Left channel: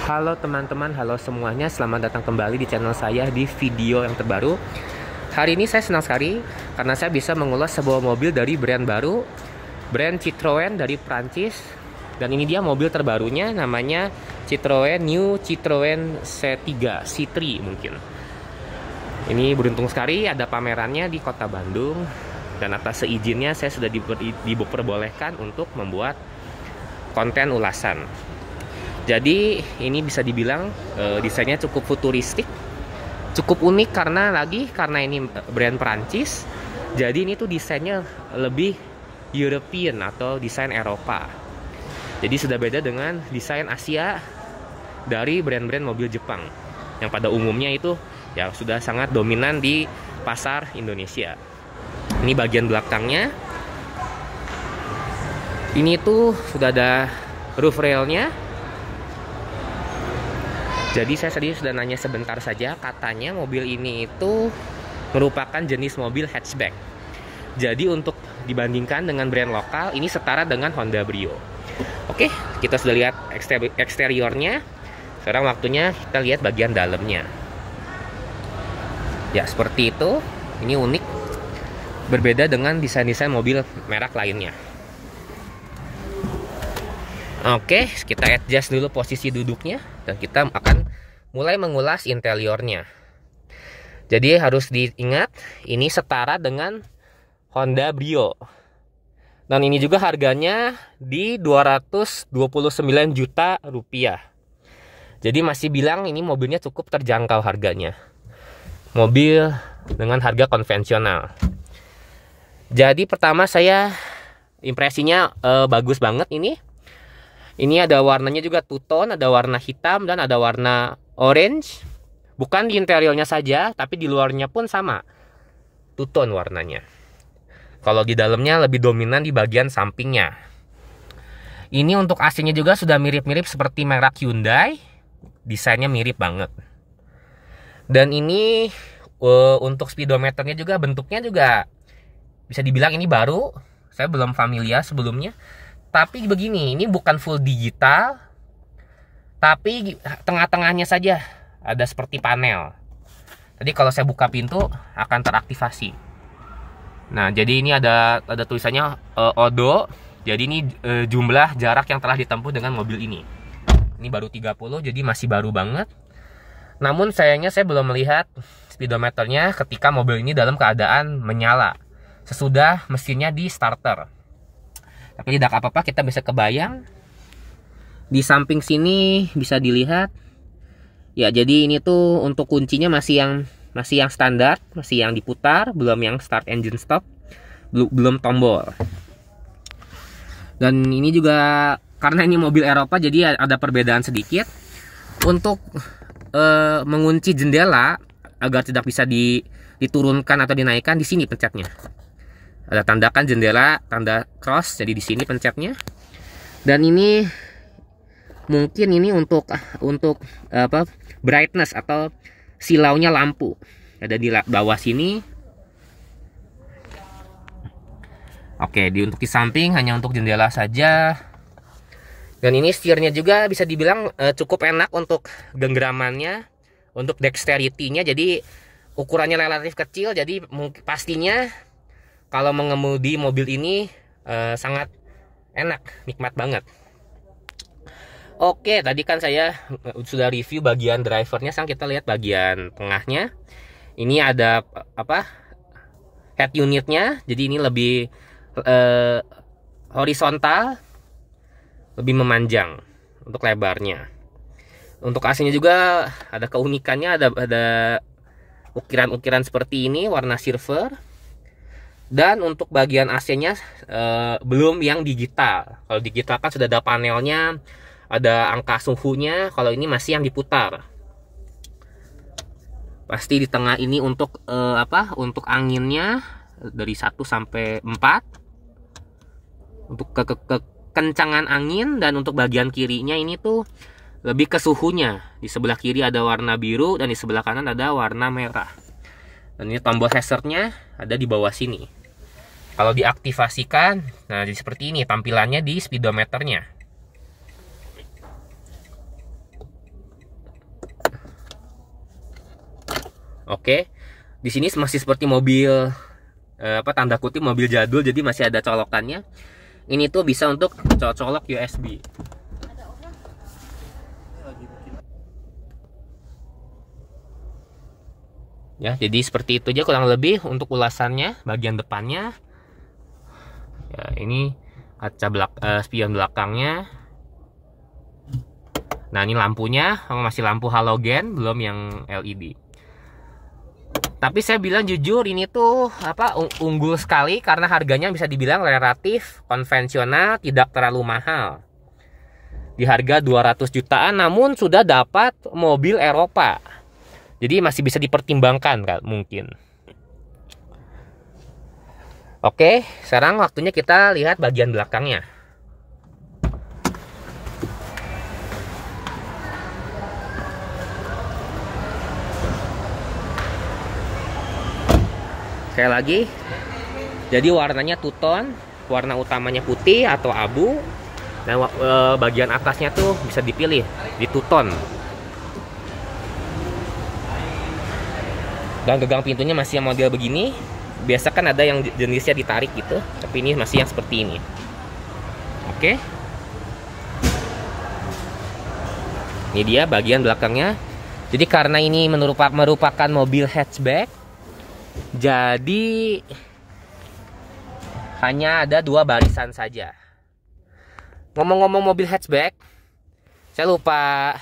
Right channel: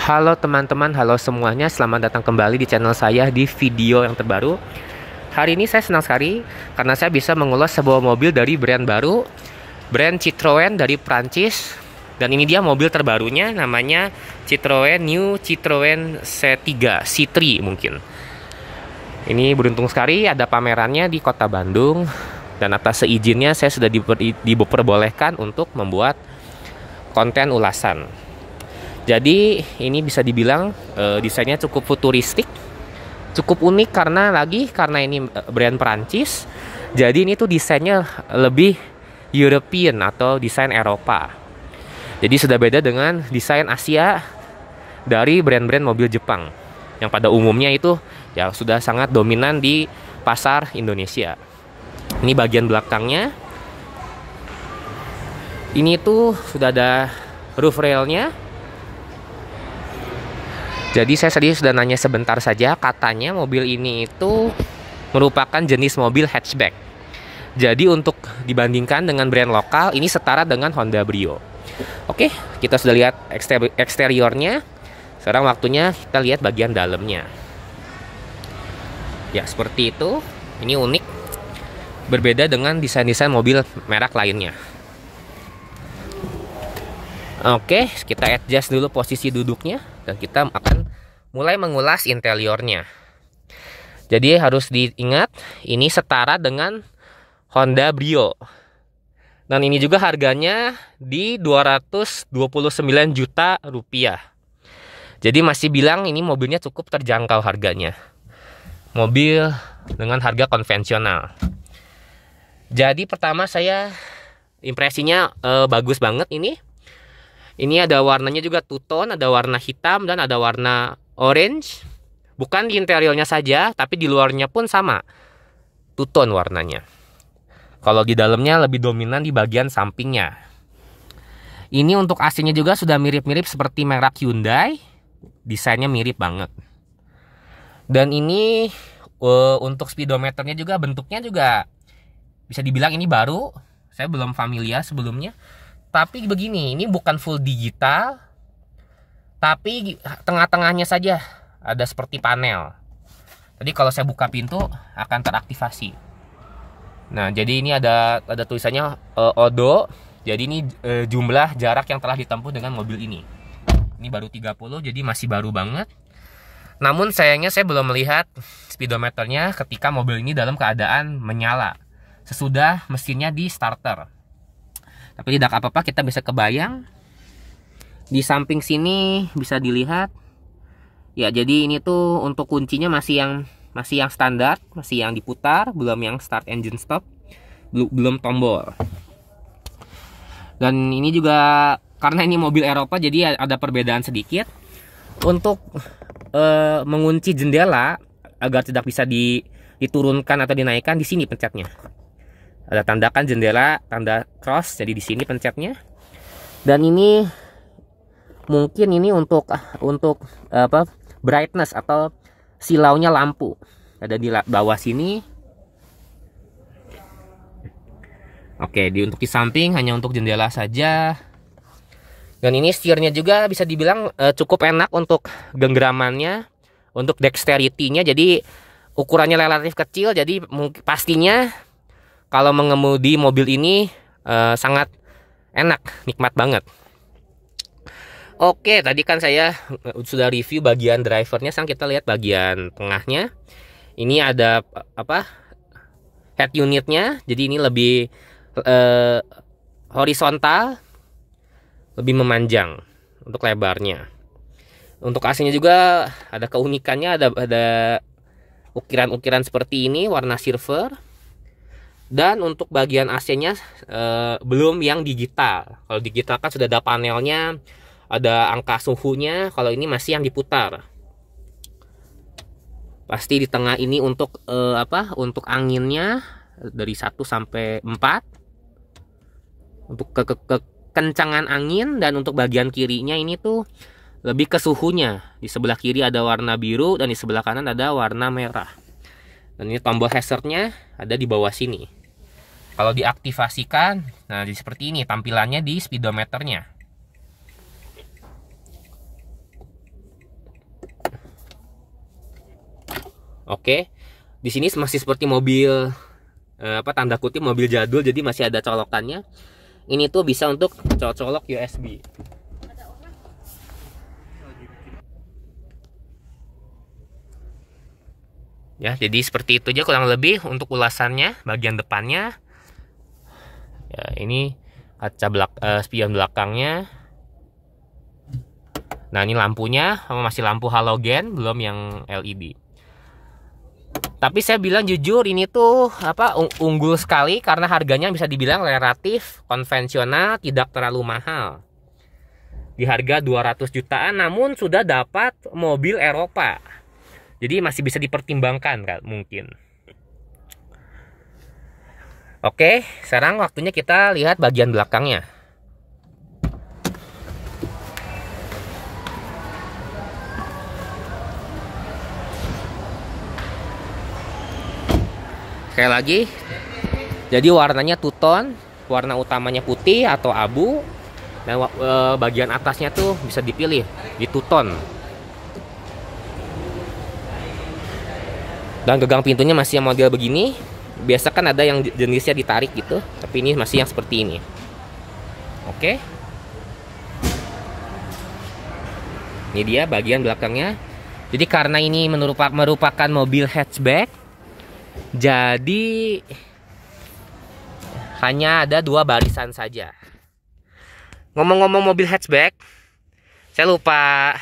Halo teman-teman, halo semuanya, selamat datang kembali di channel saya di video yang terbaru. Hari ini saya senang sekali karena saya bisa mengulas sebuah mobil dari brand baru, brand Citroen dari Prancis. Dan ini dia mobil terbarunya, namanya Citroen New Citroen C3 mungkin. Ini beruntung sekali ada pamerannya di kota Bandung. Dan atas seizinnya saya sudah diperbolehkan untuk membuat konten ulasan. Jadi ini bisa dibilang desainnya cukup futuristik, cukup unik karena ini brand Perancis. Jadi ini tuh desainnya lebih European atau desain Eropa. Jadi sudah beda dengan desain Asia dari brand-brand mobil Jepang yang pada umumnya itu ya sudah sangat dominan di pasar Indonesia. Ini bagian belakangnya. Ini tuh sudah ada roof railnya. Jadi saya tadi sudah nanya sebentar saja, katanya mobil ini itu merupakan jenis mobil hatchback. Jadi untuk dibandingkan dengan brand lokal, ini setara dengan Honda Brio. Oke, kita sudah lihat eksteriornya. Sekarang waktunya kita lihat bagian dalamnya. Ya, seperti itu. Ini unik. Berbeda dengan desain-desain mobil merek lainnya. Oke, kita adjust dulu posisi duduknya dan kita akan mulai mengulas interiornya. Jadi harus diingat, ini setara dengan Honda Brio. Dan ini juga harganya di 229 juta rupiah. Jadi masih bilang ini mobilnya cukup terjangkau harganya. Mobil dengan harga konvensional. Jadi pertama saya impresinya bagus banget ini. Ini ada warnanya juga two tone, ada warna hitam dan ada warna orange. Bukan di interiornya saja, tapi di luarnya pun sama. Two tone warnanya. Kalau di dalamnya lebih dominan di bagian sampingnya. Ini untuk AC-nya juga sudah mirip-mirip seperti merek Hyundai. Desainnya mirip banget. Dan ini untuk speedometernya juga bentuknya juga bisa dibilang ini baru. Saya belum familiar sebelumnya. Tapi begini, ini bukan full digital, tapi tengah-tengahnya saja ada seperti panel. Jadi kalau saya buka pintu akan teraktivasi. Nah, jadi ini ada tulisannya Odo. Jadi ini jumlah jarak yang telah ditempuh dengan mobil ini. Ini baru 30, jadi masih baru banget. Namun sayangnya saya belum melihat speedometernya ketika mobil ini dalam keadaan menyala sesudah mesinnya di starter. Tapi tidak apa-apa, kita bisa kebayang. Di samping sini bisa dilihat. Ya, jadi ini tuh untuk kuncinya masih yang standar, masih yang diputar, belum yang start engine stop, belum tombol. Dan ini juga karena ini mobil Eropa, jadi ada perbedaan sedikit. Untuk mengunci jendela agar tidak bisa diturunkan atau dinaikkan, di sini pencetnya. Ada tandakan jendela, tanda cross, jadi di sini pencetnya. Dan ini mungkin ini untuk apa? Brightness atau silaunya lampu. Ada di bawah sini. Oke, untuk di samping hanya untuk jendela saja. Dan ini setirnya juga bisa dibilang cukup enak untuk genggamannya, untuk dexterity-nya. Jadi ukurannya relatif kecil, jadi pastinya kalau mengemudi mobil ini sangat enak, nikmat banget. Oke, tadi kan saya sudah review bagian drivernya. Sekarang kita lihat bagian tengahnya. Ini ada head unitnya. Jadi ini lebih horizontal, lebih memanjang untuk lebarnya. Untuk AC-nya juga ada keunikannya, ada ukiran-ukiran seperti ini, warna silver. Dan untuk bagian AC-nya belum yang digital. Kalau digital kan sudah ada panelnya, ada angka suhunya. Kalau ini masih yang diputar. Pasti di tengah ini untuk untuk anginnya dari 1 sampai 4. Untuk kekencangan angin, dan untuk bagian kirinya ini tuh lebih ke suhunya. Di sebelah kiri ada warna biru dan di sebelah kanan ada warna merah. Dan ini tombol hazardnya ada di bawah sini. Kalau diaktifasikan, nah jadi seperti ini tampilannya di speedometernya. Oke. Di sini masih seperti mobil tanda kutip mobil jadul, jadi masih ada colokannya. Ini tuh bisa untuk colok USB. Ya, jadi seperti itu aja kurang lebih untuk ulasannya bagian depannya. Ya, ini kaca spion belakangnya. Nah, ini lampunya masih lampu halogen, belum yang LED. Tapi saya bilang jujur ini tuh unggul sekali karena harganya bisa dibilang relatif konvensional, tidak terlalu mahal. Di harga 200 jutaan namun sudah dapat mobil Eropa. Jadi masih bisa dipertimbangkan kan mungkin. Oke, sekarang waktunya kita lihat bagian belakangnya. Sekali lagi, jadi warnanya two tone, warna utamanya putih atau abu. Dan bagian atasnya tuh bisa dipilih di two tone. Dan gagang pintunya masih yang model begini. Biasa kan ada yang jenisnya ditarik gitu, tapi ini masih yang seperti ini. Oke. Ini dia bagian belakangnya. Jadi karena ini merupakan mobil hatchback, jadi hanya ada 2 barisan saja. Ngomong-ngomong mobil hatchback, saya lupa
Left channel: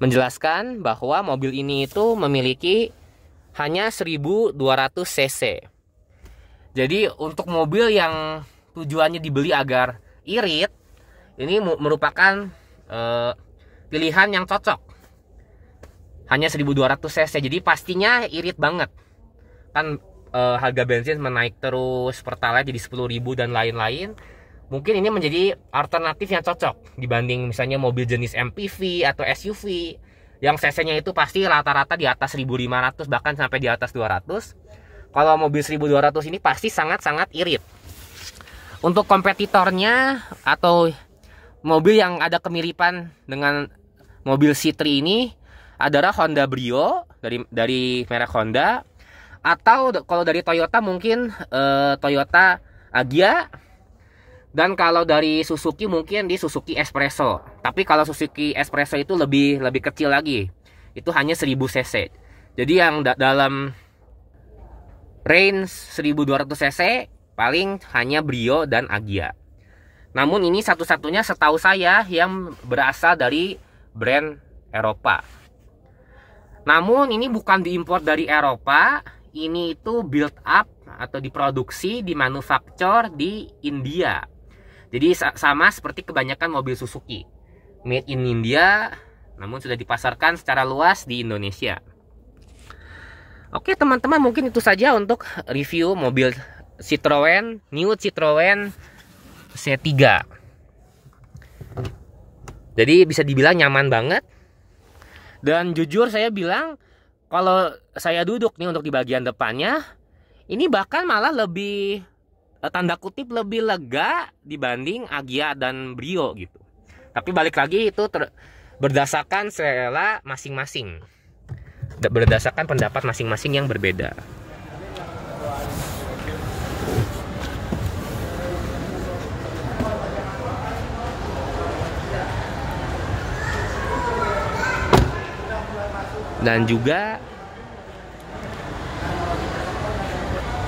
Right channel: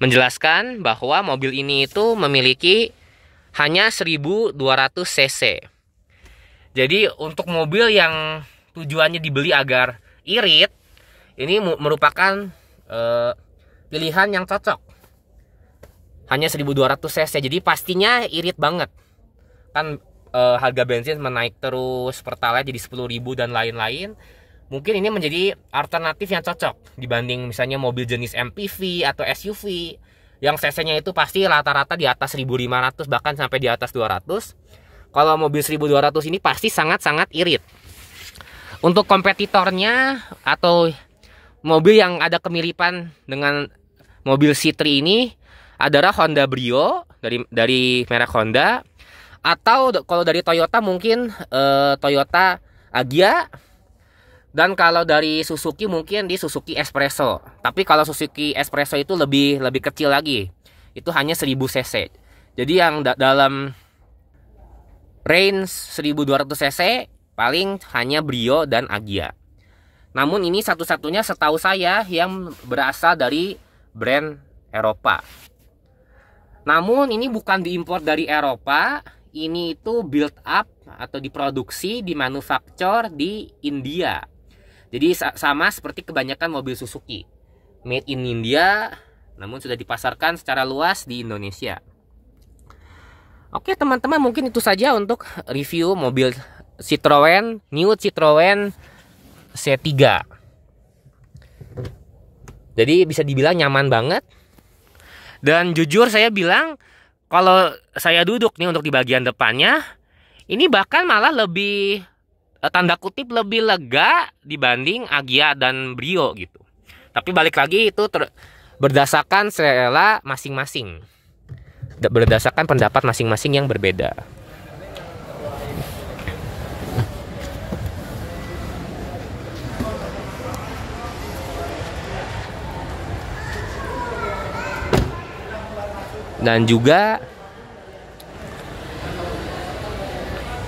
menjelaskan bahwa mobil ini itu memiliki hanya 1200 cc. Jadi untuk mobil yang tujuannya dibeli agar irit, ini merupakan pilihan yang cocok. Hanya 1200 cc, jadi pastinya irit banget. Kan harga bensin menaik terus, Pertalite jadi 10.000 dan lain-lain. Mungkin ini menjadi alternatif yang cocok dibanding misalnya mobil jenis MPV atau SUV yang cc-nya itu pasti rata-rata di atas 1500 bahkan sampai di atas 200. Kalau mobil 1200 ini pasti sangat-sangat irit. Untuk kompetitornya atau mobil yang ada kemiripan dengan mobil C3 ini adalah Honda Brio dari merek Honda, atau kalau dari Toyota mungkin Toyota Agya. Dan kalau dari Suzuki mungkin di Suzuki Espresso. Tapi kalau Suzuki Espresso itu lebih kecil lagi. Itu hanya 1000 cc. Jadi yang dalam range 1200 cc paling hanya Brio dan Agya. Namun ini satu-satunya setahu saya yang berasal dari brand Eropa. Namun ini bukan diimpor dari Eropa. Ini itu build up atau diproduksi, dimanufaktur di India. Jadi sama seperti kebanyakan mobil Suzuki, made in India, namun sudah dipasarkan secara luas di Indonesia. Oke teman-teman, mungkin itu saja untuk review mobil Citroen, New Citroen C3. Jadi bisa dibilang nyaman banget. Dan jujur saya bilang, kalau saya duduk nih untuk di bagian depannya, ini bahkan malah lebih tanda kutip lebih lega dibanding Agya dan Brio gitu. Tapi balik lagi itu berdasarkan selera masing-masing, berdasarkan pendapat masing-masing yang berbeda. Dan juga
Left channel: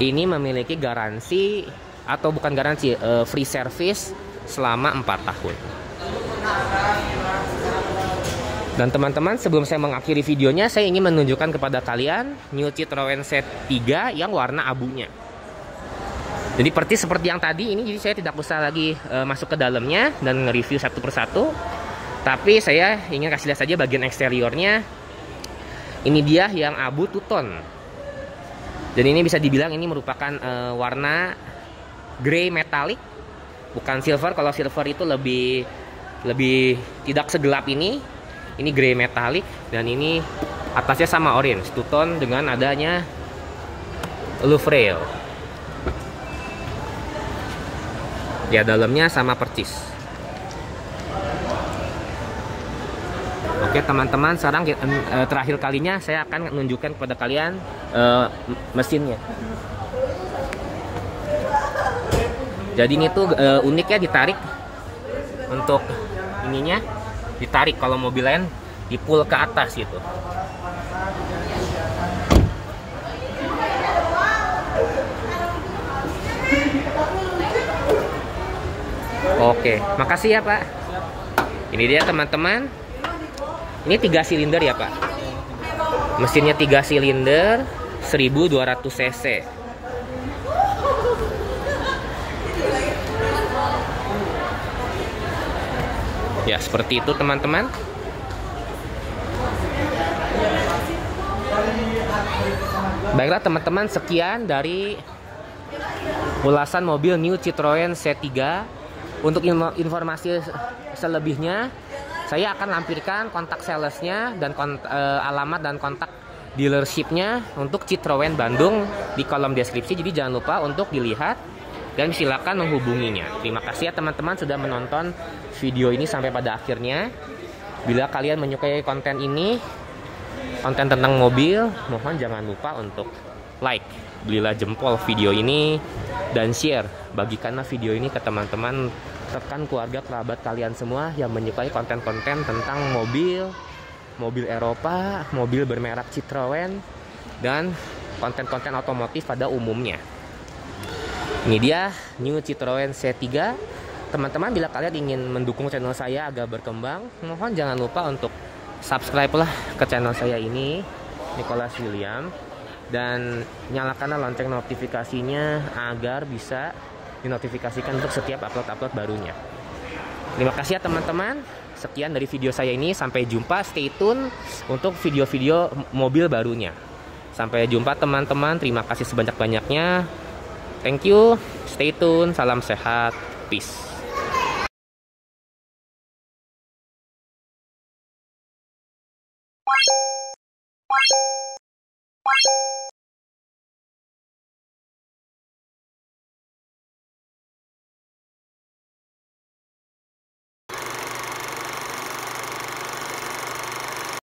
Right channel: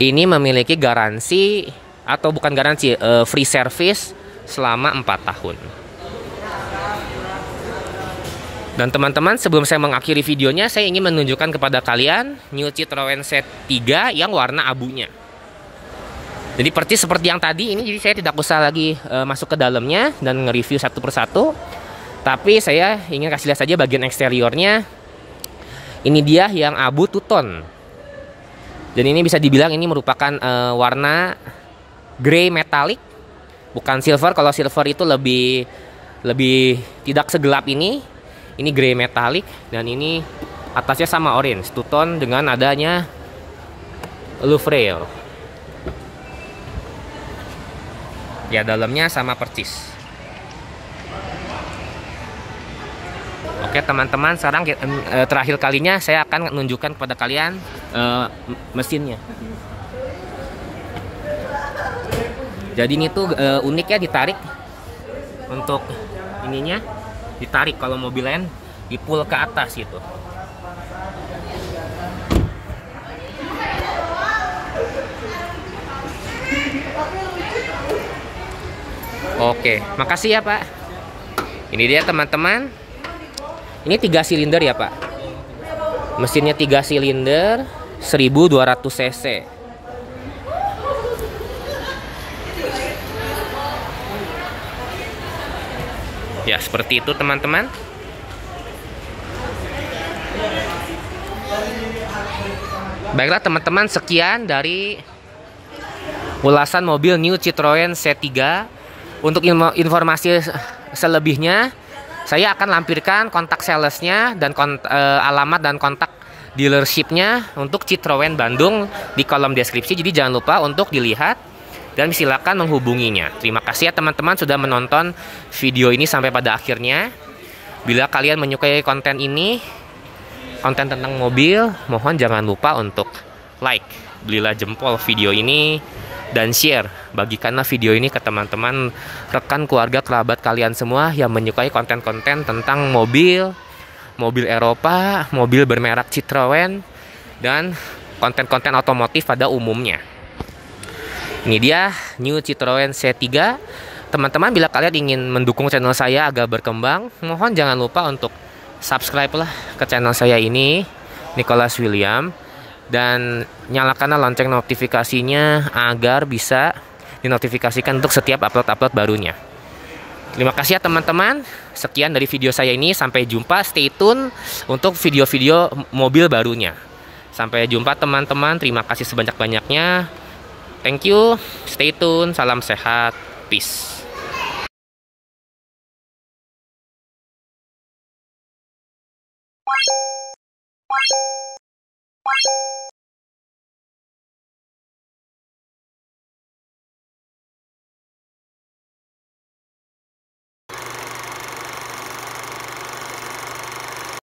ini memiliki garansi atau bukan garansi, free service selama 4 tahun. Dan teman-teman, sebelum saya mengakhiri videonya, saya ingin menunjukkan kepada kalian New Citroen C3 yang warna abunya. Jadi persis seperti yang tadi ini, jadi saya tidak usah lagi masuk ke dalamnya dan nge-review satu persatu. Tapi saya ingin kasih lihat saja bagian eksteriornya. Ini dia yang abu two tone. Dan ini bisa dibilang ini merupakan warna grey metallic, bukan silver. Kalau silver itu lebih tidak segelap ini. Ini grey metallic dan ini atasnya sama orange two tone dengan adanya roof rail. Ya dalamnya sama persis. Oke teman-teman, sekarang terakhir kalinya saya akan menunjukkan kepada kalian mesinnya. Jadi ini tuh unik ya, ditarik untuk ininya, ditarik. Kalau mobil lain di pull ke atas gitu. Oke, makasih ya Pak. Ini dia teman-teman. Ini 3 silinder ya Pak. Mesinnya 3 silinder 1200 cc. Ya seperti itu teman-teman. Baiklah teman-teman, sekian dari ulasan mobil New Citroen C3. Untuk informasi selebihnya, saya akan lampirkan kontak salesnya dan alamat dan kontak dealershipnya untuk Citroen Bandung di kolom deskripsi. Jadi jangan lupa untuk dilihat dan silakan menghubunginya. Terima kasih ya teman-teman sudah menonton video ini sampai pada akhirnya. Bila kalian menyukai konten ini, konten tentang mobil, mohon jangan lupa untuk like, belilah jempol video ini, dan share. Bagikanlah video ini ke teman-teman, rekan, keluarga, kerabat kalian semua yang menyukai konten-konten tentang mobil Eropa, mobil bermerek Citroen, dan konten-konten otomotif pada umumnya. Ini dia New Citroen C3. Teman-teman, bila kalian ingin mendukung channel saya agar berkembang, mohon jangan lupa untuk subscribe lah ke channel saya ini, Nicholas William, dan nyalakanlah lonceng notifikasinya agar bisa dinotifikasikan untuk setiap upload-upload barunya. Terima kasih ya teman-teman. Sekian dari video saya ini. Sampai jumpa. Stay tune untuk video-video mobil barunya. Sampai jumpa teman-teman. Terima kasih sebanyak-banyaknya. Thank you. Stay tune. Salam sehat. Peace.